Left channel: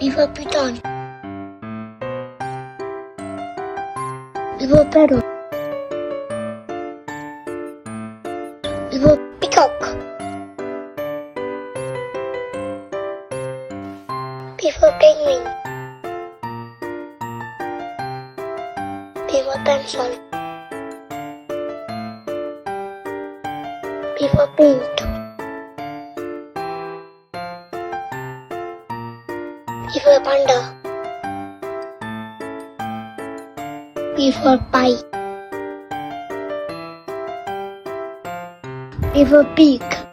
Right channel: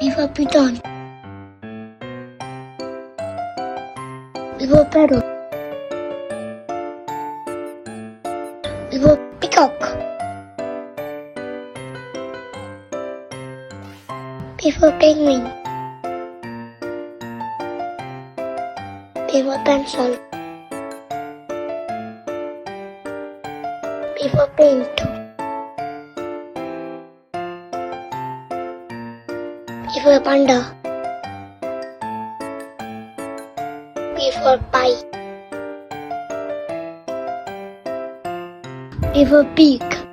P for python. P for parrot. P for peacock. P for penguin. P for pencil. P for paint. P for panda. P for pie. P for pig.